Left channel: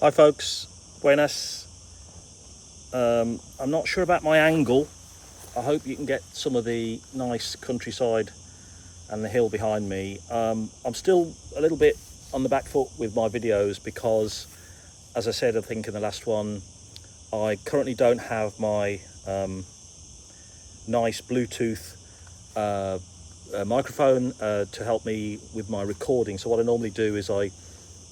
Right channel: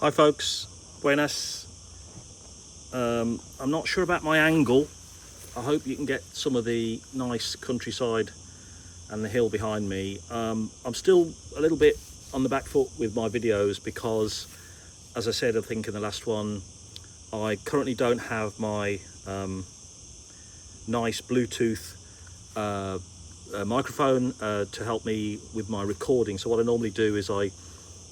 Hi folks, buenas. I'm not sure about my angle. I hope you can get some of the nice countryside and the hill behind me. I'm still a little bit on the back foot with my videos because, as I said, I think in the last one, I currently don't have my nice Bluetooth microphone to help me with my recording. So what I normally do is I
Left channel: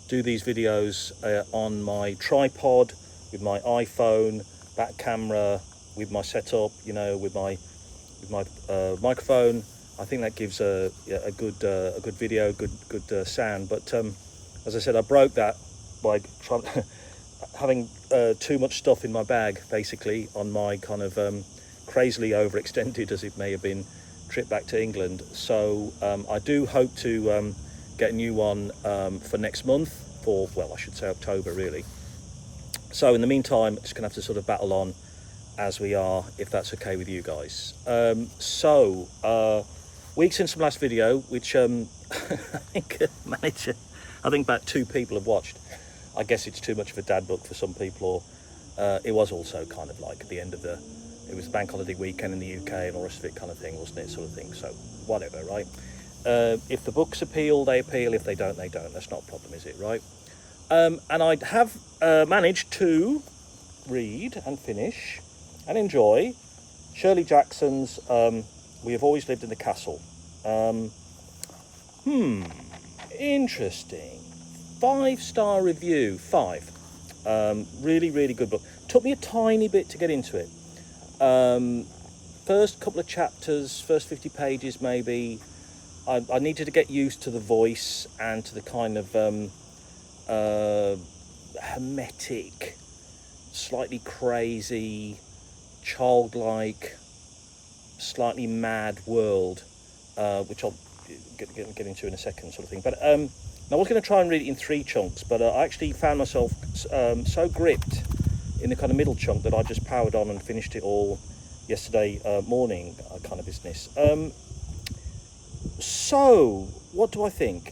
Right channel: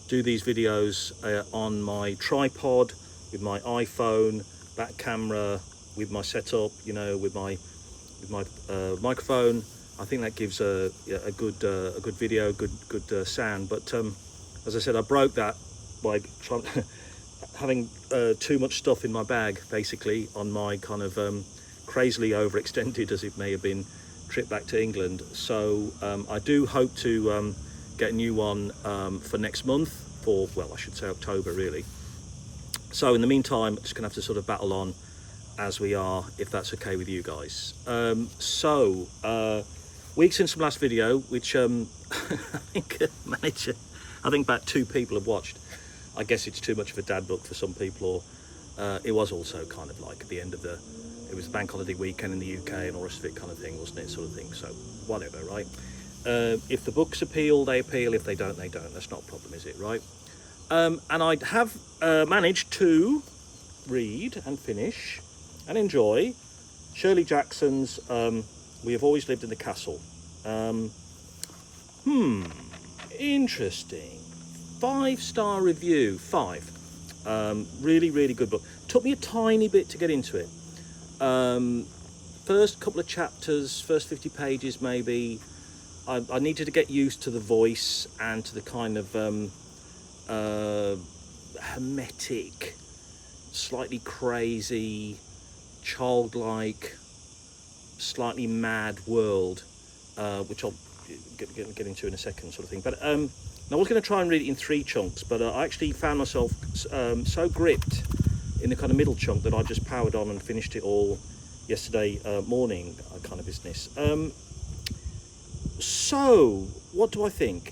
do these videos on my tripod with my iPhone, back camera, with my setup, you know, with my microphone. I think that gives a good video, good sound. But as I said, I broke that by having too much stuff in my bag, basically, on my kind of crazily overextended, as it may have been, trip back to England. So I do hope to get a new one for next month, for, well, I should say October really. So in the meantime, just gonna have to sort of battle on as we are, if that's okay with you guys. Weeks since the last video, which I think about 2 people have watched. I guess it's too much of a dad book for some people, or it was also kind of like at the end of it was bank holiday weekend in the UK and all the rest of it kind of thing, wasn't it, sort of thing. So whatever, right? If the books appeal, they appeal. If they don't, they don't. That's not a problem, is it, right? And I have managed to read and finish and enjoy Shirley Jackson's We Have Always Lived in the Castle. Interesting. 5-star review, 5. Really, really good book. Took me a tiny bit to get into it. First couple of chapters, first 50 pages maybe, I needed to get used to the voice and to the kind of hermetic, slightly crazy, childlike, slightly mad world, which I'll get into in a second, sort of thing. But I was going to try and read it in 3 chunks, but I actually found myself so gripped in the kind of middle chunk that I just powered on and finished it all yesterday morning, kind of business. So what do I think?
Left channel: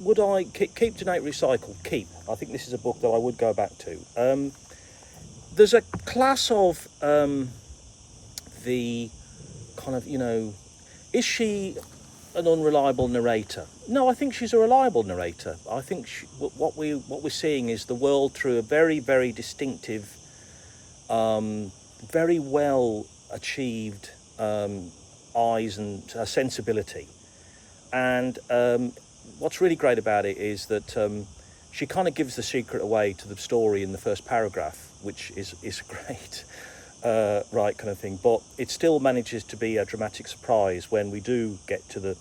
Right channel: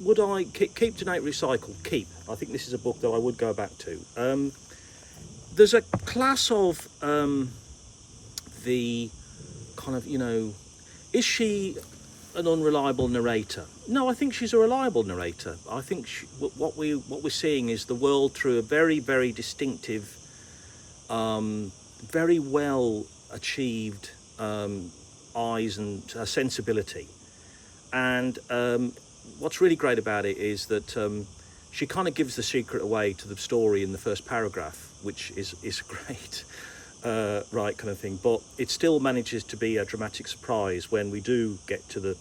Would I keep, donate, recycle? Keep. I think this is a book that I would go back to. There's a class of the kind of, you know, is she an unreliable narrator? No, I think she's a reliable narrator. I think what we're seeing is the world through a very, very distinctive, very well achieved eyes and sensibility. And what's really great about it is that she kind of gives the secret away to the story in the first paragraph, which is great, right, kind of thing. But it still manages to be a dramatic surprise when we do get to the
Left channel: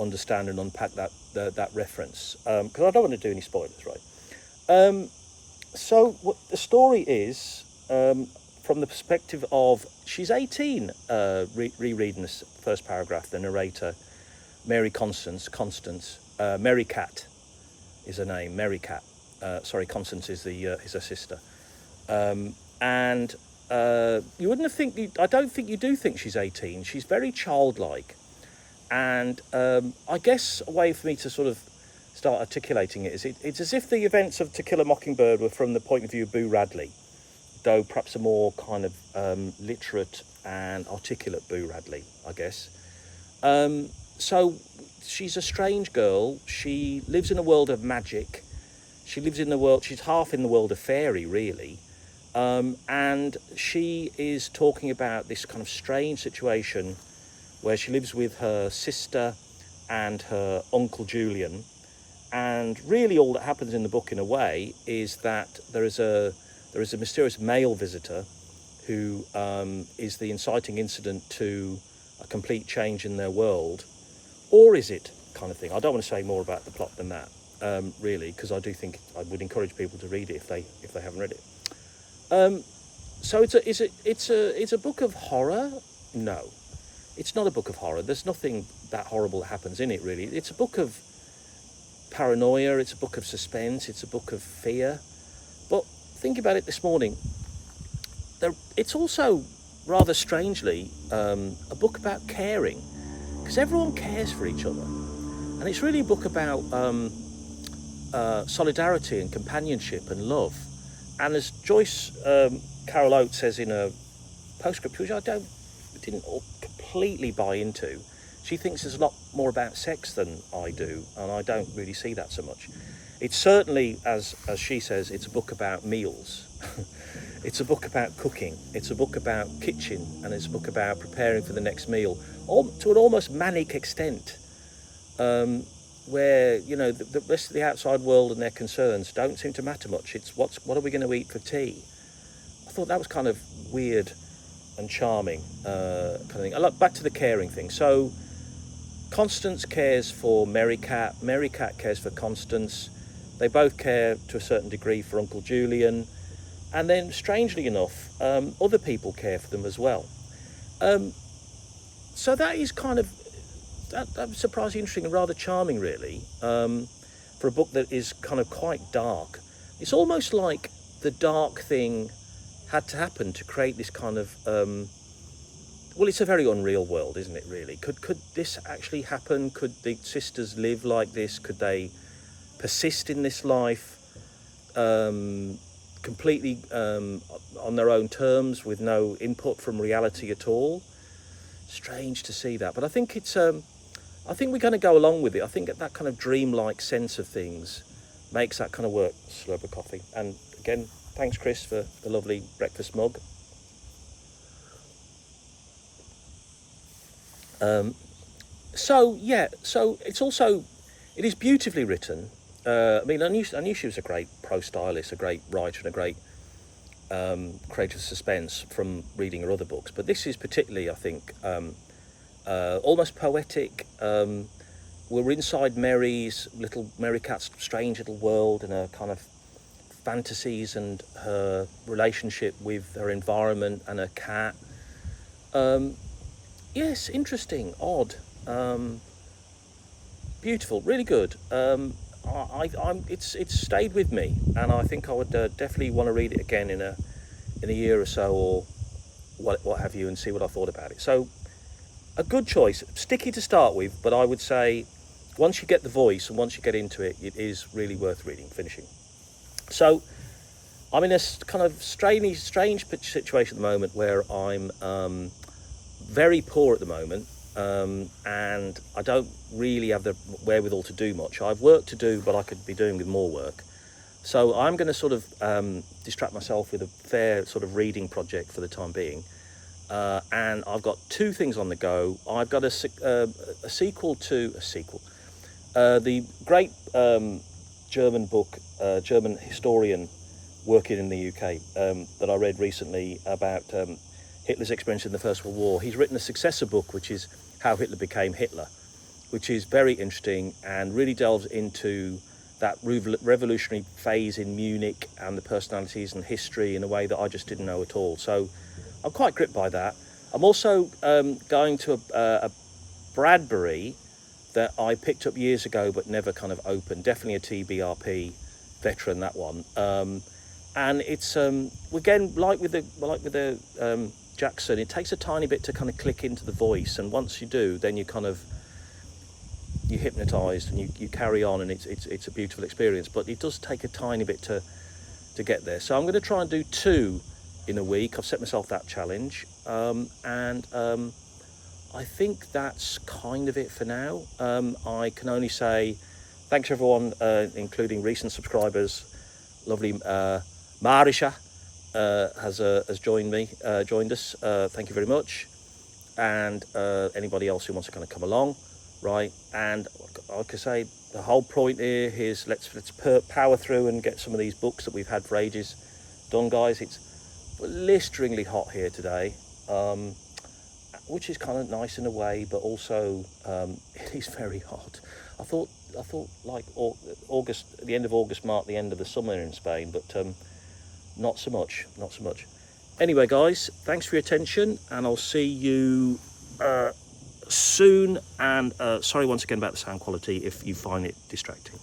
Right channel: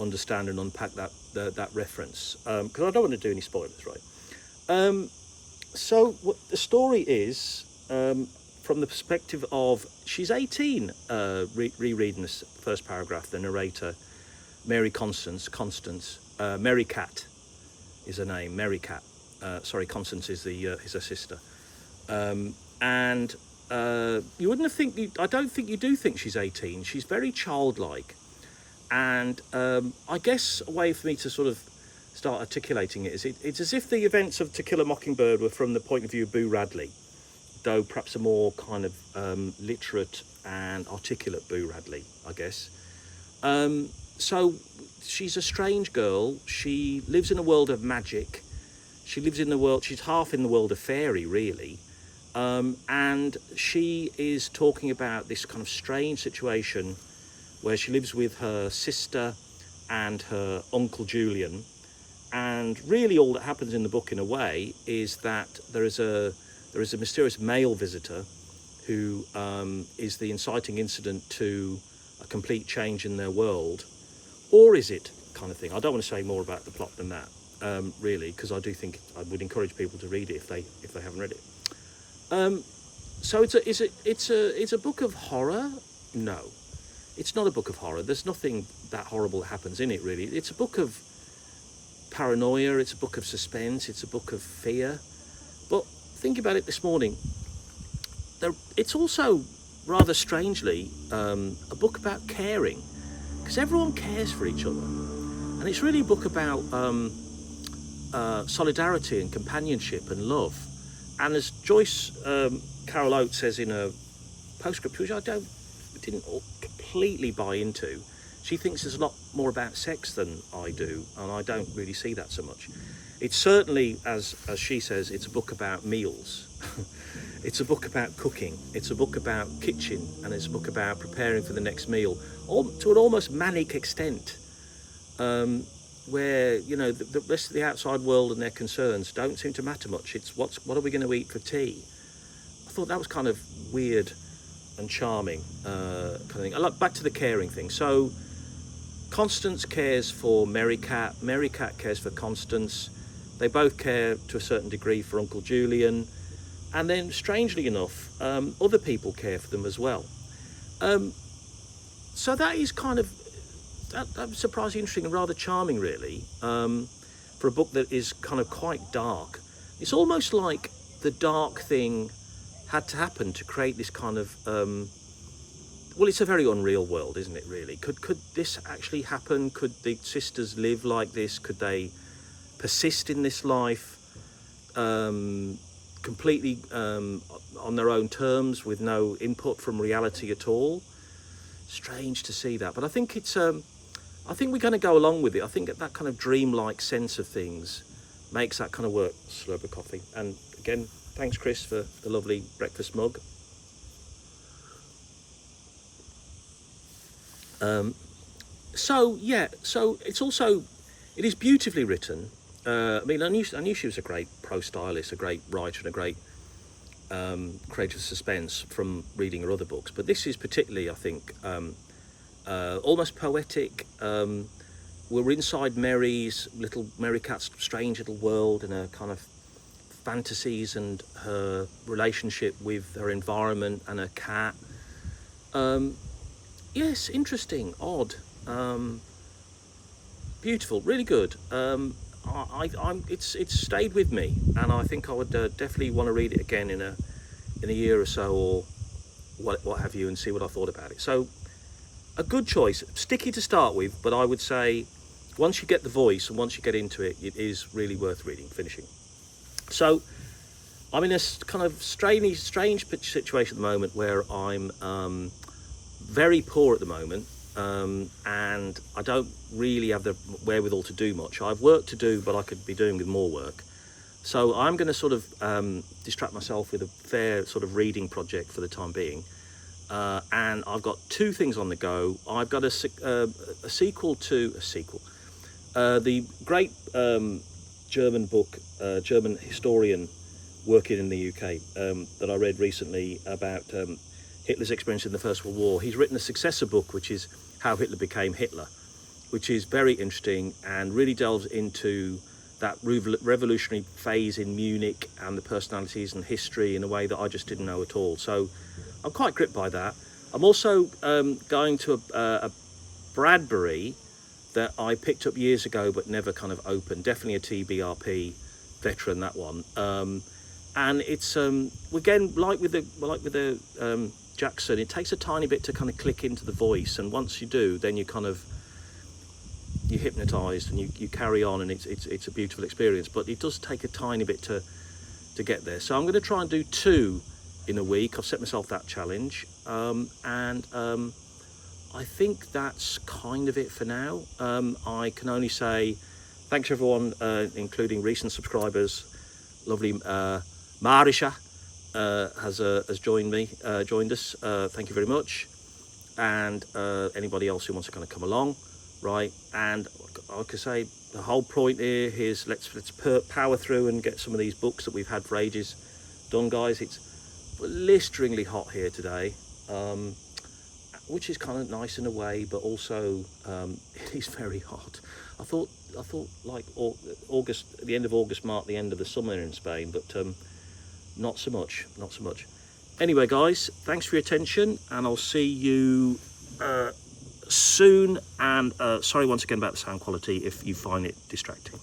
understand and unpack that reference, because I don't want to do any spoilers, right? So what the story is, from the perspective of, she's 18, rereading this first paragraph, the narrator, Mary Constance, Mary Cat is her name, Mary Cat. Sorry, Constance is her sister. And you wouldn't have I don't think you do think she's 18. She's very childlike. And I guess a way for me to sort of start articulating it is it's as if the events of To Kill a Mockingbird were from the point of view of Boo Radley, though perhaps a more kind of literate and articulate Boo Radley, I guess. So she's a strange girl. She lives in a world of magic. She's half in the world of fairy, really. And she is talking about this kind of strange situation where she lives with her sister and her uncle Julian. And really all that happens in the book, in a way, is that there is a mysterious male visitor who is the inciting incident to a complete change in their world. Or is it, kind of thing? I don't want to say more about the plot than that, really, because I do think I would encourage people to read it if they haven't read it. So it's a book of horror? No, it's not a book of horror. There's nothing that horrible that happens in it, really. It's a book of paranoia. It's a book of suspense. It's a book of fear. But think about it this morning. It's also, rather strangely, a book about caring, because everyone cares for each other. And it's really a book about solidarity and companionship and love. And as Joyce Carol Oates says in a postscript, which I didn't completely buy into, she thinks there's a lot more about sex than I do, and I don't really see that so much. It's certainly, as she says, it's a book about meals. It's a book about cooking. It's a book about kitchen, and it's a book about preparing for the next meal, to an almost manic extent, where, you know, the rest of the outside world and their concerns don't seem to matter much. It's what are we going to eat for tea? I thought that was kind of weird and charming, kind of thing. I like back to the caring thing. So Constance cares for Merry Cat. Merry Cat cares for Constance. They both care to a certain degree for Uncle Julian. And then, strangely enough, other people care for them as well. So that is kind of, that was surprisingly interesting and rather charming, really, for a book that is kind of quite dark. It's almost like the dark thing had to happen to create this kind of, well, it's a very unreal world, isn't it, really? Could this actually happen? Could the sisters live like this? Could they persist in this life completely on their own terms with no input from reality at all? Strange to see that, but I think it's I think we're going to go along with it. I think that kind of dreamlike sense of things makes that kind of work. Slurp of coffee. And again, thanks Chris for the lovely breakfast mug. So yeah, so it's also, it is beautifully written. I mean, I knew she was a great prose stylist, a great writer, and a great creator of suspense from reading her other books. But this is particularly, I think, almost poetic. We're inside Merry Cat's strange little world and her kind of fantasies and her relationship with her environment and her cat. Yes, interesting, odd, beautiful, really good. It's stayed with me, and I think I would definitely want to read it again in a year or so, or what have you, and see what I thought about it. So, a good choice, sticky to start with, but I would say once you get the voice and once you get into it, it is really worth finishing. So, I'm in a kind of strange situation at the moment where I'm very poor at the moment. And I don't really have the wherewithal to do much. I've work to do, but I could be doing with more work. So I'm going to sort of distract myself with a fair sort of reading project for the time being. And I've got two things on the go. I've got a sequel to the great German book, German historian working in the UK that I read recently about Hitler's experience in the First World War. He's written a successor book, which is How Hitler Became Hitler, which is very interesting and really delves into that revolutionary phase in Munich and the personalities and history in a way that I just didn't know at all. So I'm quite gripped by that. I'm also going to a Bradbury that I picked up years ago but never kind of opened. Definitely a TBRP veteran, that one. And it's again, like with the Jackson, it takes a tiny bit to kind of click into the voice, and once you do, then you're hypnotized and you carry on, and it's a beautiful experience. But it does take a tiny bit to get there. So I'm going to try and do 2 in a week. I've set myself that challenge, and I think that's kind of it for now. I can only say thanks everyone, including recent subscribers. Lovely Marisha has joined us. Thank you very much. And anybody else who wants to kind of come along, right? And like I say, the whole point here is let's power through and get some of these books that we've had for ages done, guys. It's blisteringly hot here today, which is kind of nice in a way, but also it is very hot. I thought like August, the end of August marked the end of the summer in Spain, but not so much. Anyway, guys, thanks for your attention, and I'll see you soon. And sorry once again about the sound quality if you find it distracting.